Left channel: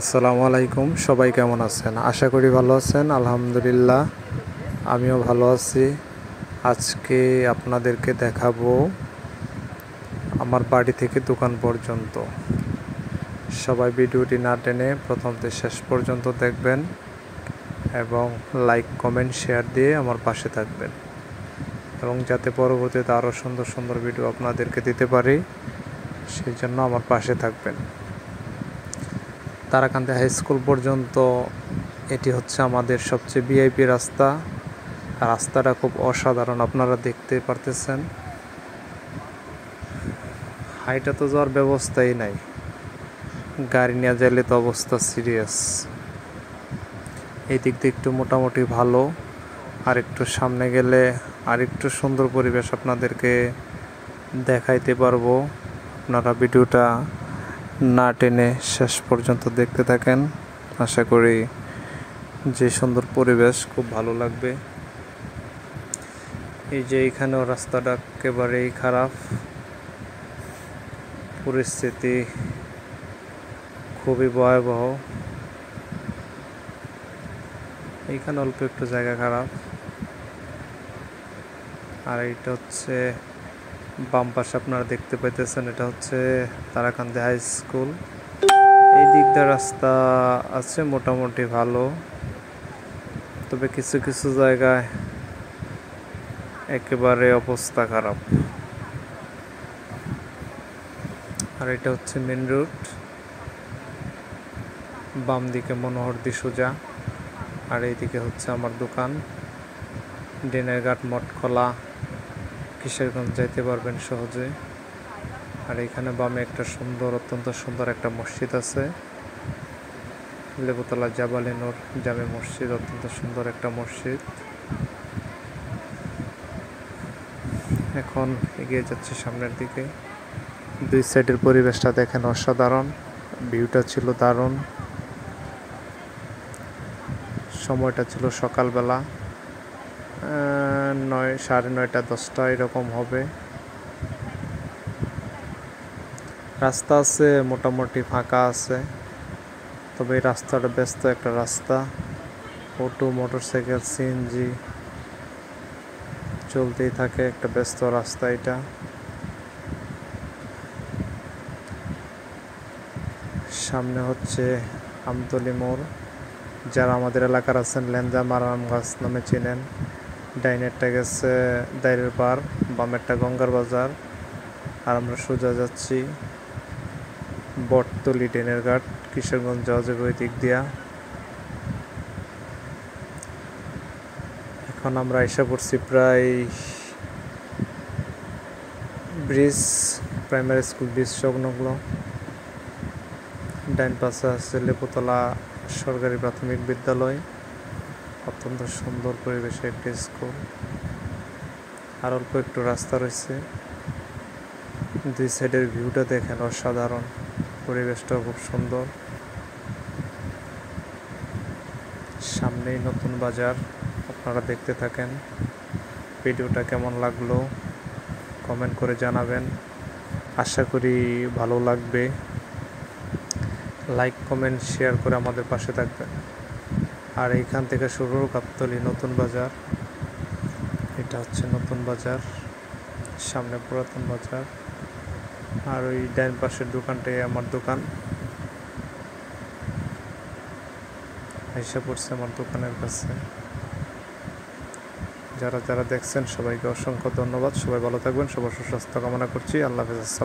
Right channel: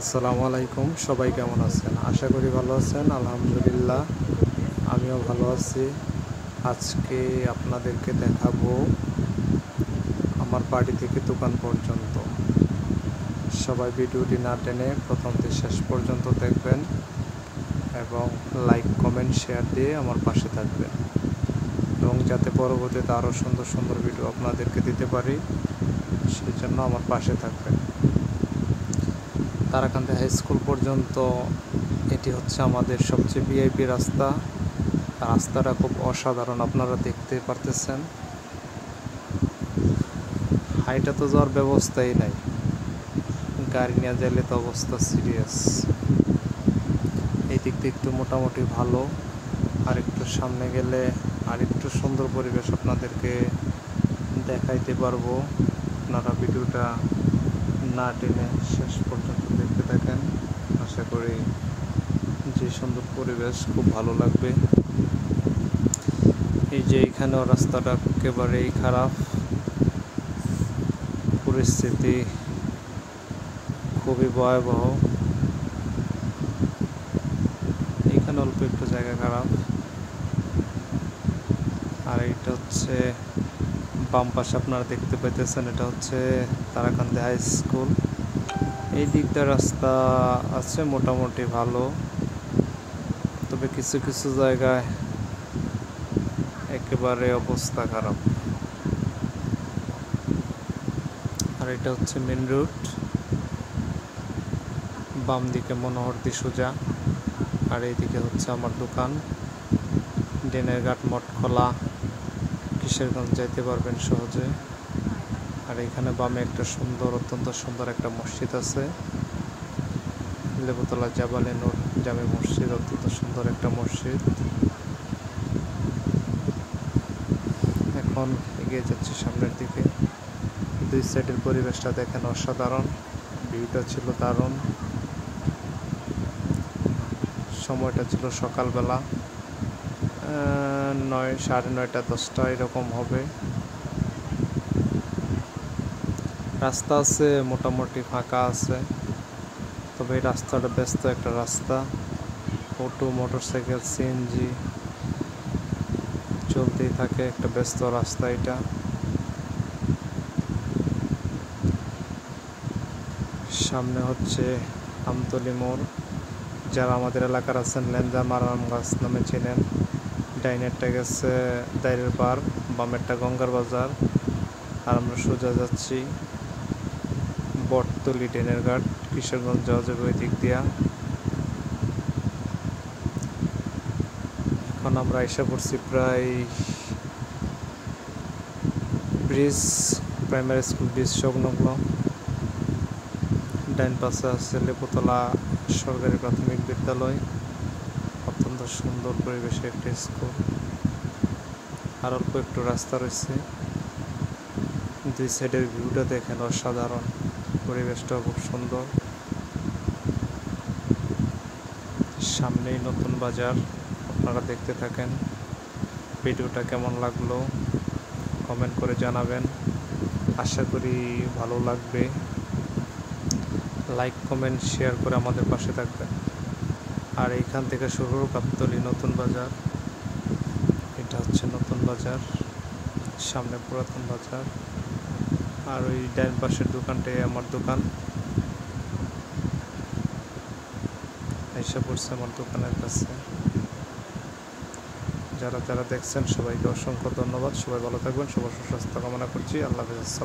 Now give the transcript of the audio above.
আসসালামু আলাইকুম। সবাই কেমন আছেন? আশা করি ভালো আছেন। আলহামদুলিল্লাহ, আমিও ভালো আছি। আজকে আপনাদেরকে দেখাবো আমার বাড়ি থেকে দোকান পর্যন্ত। সবাই ভিডিওটি না টেনে প্রথম থেকে শেষ পর্যন্ত দেখবেন এবং লাইক কমেন্ট শেয়ার দিয়ে আমার পাশে থাকবেন, এবং যাতে পরবর্তীতে আরও সুন্দর সুন্দর ভিডিও আপনাদেরকে দিতে পারি সেই জন্য আমার পাশে থাকবেন। তারাকান্দি হাই স্কুল পর্যন্ত এটি হচ্ছে আমাদের সবচেয়ে ভিআইপি রাস্তা। রাস্তাটা খুব অসাধারণ, আপনারা দেখতে পারতেছেন। হাইটা তো যাওয়ার ব্যবস্থাই নাই, গাড়ি নিয়ে যাইলে তো অবস্থা সিরিয়াস। এই দিক দিয়ে একটু মোটামুটি ভালো, আর একটু সামনে গেলে আর একটু সুন্দর পরিবেশ আপনাদেরকে দেখাইতে পারবো। আপনারা ভিডিওটা না টেনে শেষ পর্যন্ত দেখতে থাকেন, আশা করি যে সুন্দর পরিবেশ খুব ভালো লাগবে। এই যে এখানেও রাস্তাটা একেবারেই খারাপ, পরিস্থিতি খুবই ভয়াবহ। এইখানে অল্প একটু জায়গা খারাপ, আর এটা হচ্ছে বাম পাশে আপনারা দেখতে পাইতেছেন, এটা হচ্ছে তারাকান্দি হাই স্কুল। এই দিকটা রাস্তা আছে মোটামুটি ভালো, তবে কিছু কিছু জায়গায় একেবারে অবস্থা খারাপ। আর এটা হচ্ছে মেন রোড, বাম দিকে মনোহরদী সোজা, আর এইদিকে হচ্ছে আমার দোকান। ডেনের ঘাট, মঠখোলা, কিশোরগঞ্জ যাইতে পারবেন সহজে। আর এখানে বামে একটা সুন্দর, অত্যন্ত সুন্দর একটা মসজিদ আছে, লেবুতলা জাবালে নূর জামে মসজিদ, অত্যন্ত সুন্দর একটা মসজিদ। এখন এগিয়ে যাচ্ছে সামনের দিকে। দুই সাইডের পরিবেশটা দেখেন, অসাধারণ। ভিউটা ছিল দারুণ। সময়টা ছিল সকালবেলা 9, 9:30, 10টা এরকম হবে। রাস্তা আছে মোটামুটি ফাঁকা আছে, তবে এই রাস্তাটা ব্যস্ত একটা রাস্তা। অটো, মোটরসাইকেল, সিএনজি চলতেই থাকে, একটা ব্যস্ত রাস্তা এটা। সামনে হচ্ছে আমতলি মোড়, যারা আমাদের এলাকার আছেন লেনজাম আরাম গাছ নামে চেনেন। ডাইনেরটা গেছে দাইরের পার, বামেরটা গঙ্গার বাজার। আর আমরা সোজা যাচ্ছি বটতলি ডেনের ঘাট, কিশোরগঞ্জ যাওয়া যাবে ওই দিক দিয়া। এখন আমরা এসে পড়ছি প্রায় ব্রিজ, প্রাইমারি স্কুল ব্রিজ সংলগ্ন। ডাইন পাশে আছে লেবুতলা সরকারি প্রাথমিক বিদ্যালয়, অত্যন্ত সুন্দর পরিবেশে একটি স্কুল। আর অল্প একটু রাস্তা রয়েছে। দুই সাইডের ভিউটা দেখেন, অসাধারণ। পরিবেশটা খুব সুন্দর। সামনেই নতুন বাজার, আপনারা দেখতে থাকেন। ভিডিওটা কেমন লাগলো কমেন্ট করে জানাবেন, আশা করি ভালো লাগবে। লাইক কমেন্ট শেয়ার করে আমাদের পাশে থাকবেন। আর এইখান থেকে শুরু গাবতলী নতুন বাজার, এটা হচ্ছে নতুন বাজার, সামনে পুরাতন বাজার। আর ওই ডান পাশের দোকানটাই আমার দোকান। আইসা পড়ছে আমার দোকানের কাছে। যারা যারা দেখছেন সবাইকে অসংখ্য ধন্যবাদ। সবাই ভালো থাকবেন, সবার সুস্বাস্থ্য কামনা করছি। আল্লাহ হাফেজ।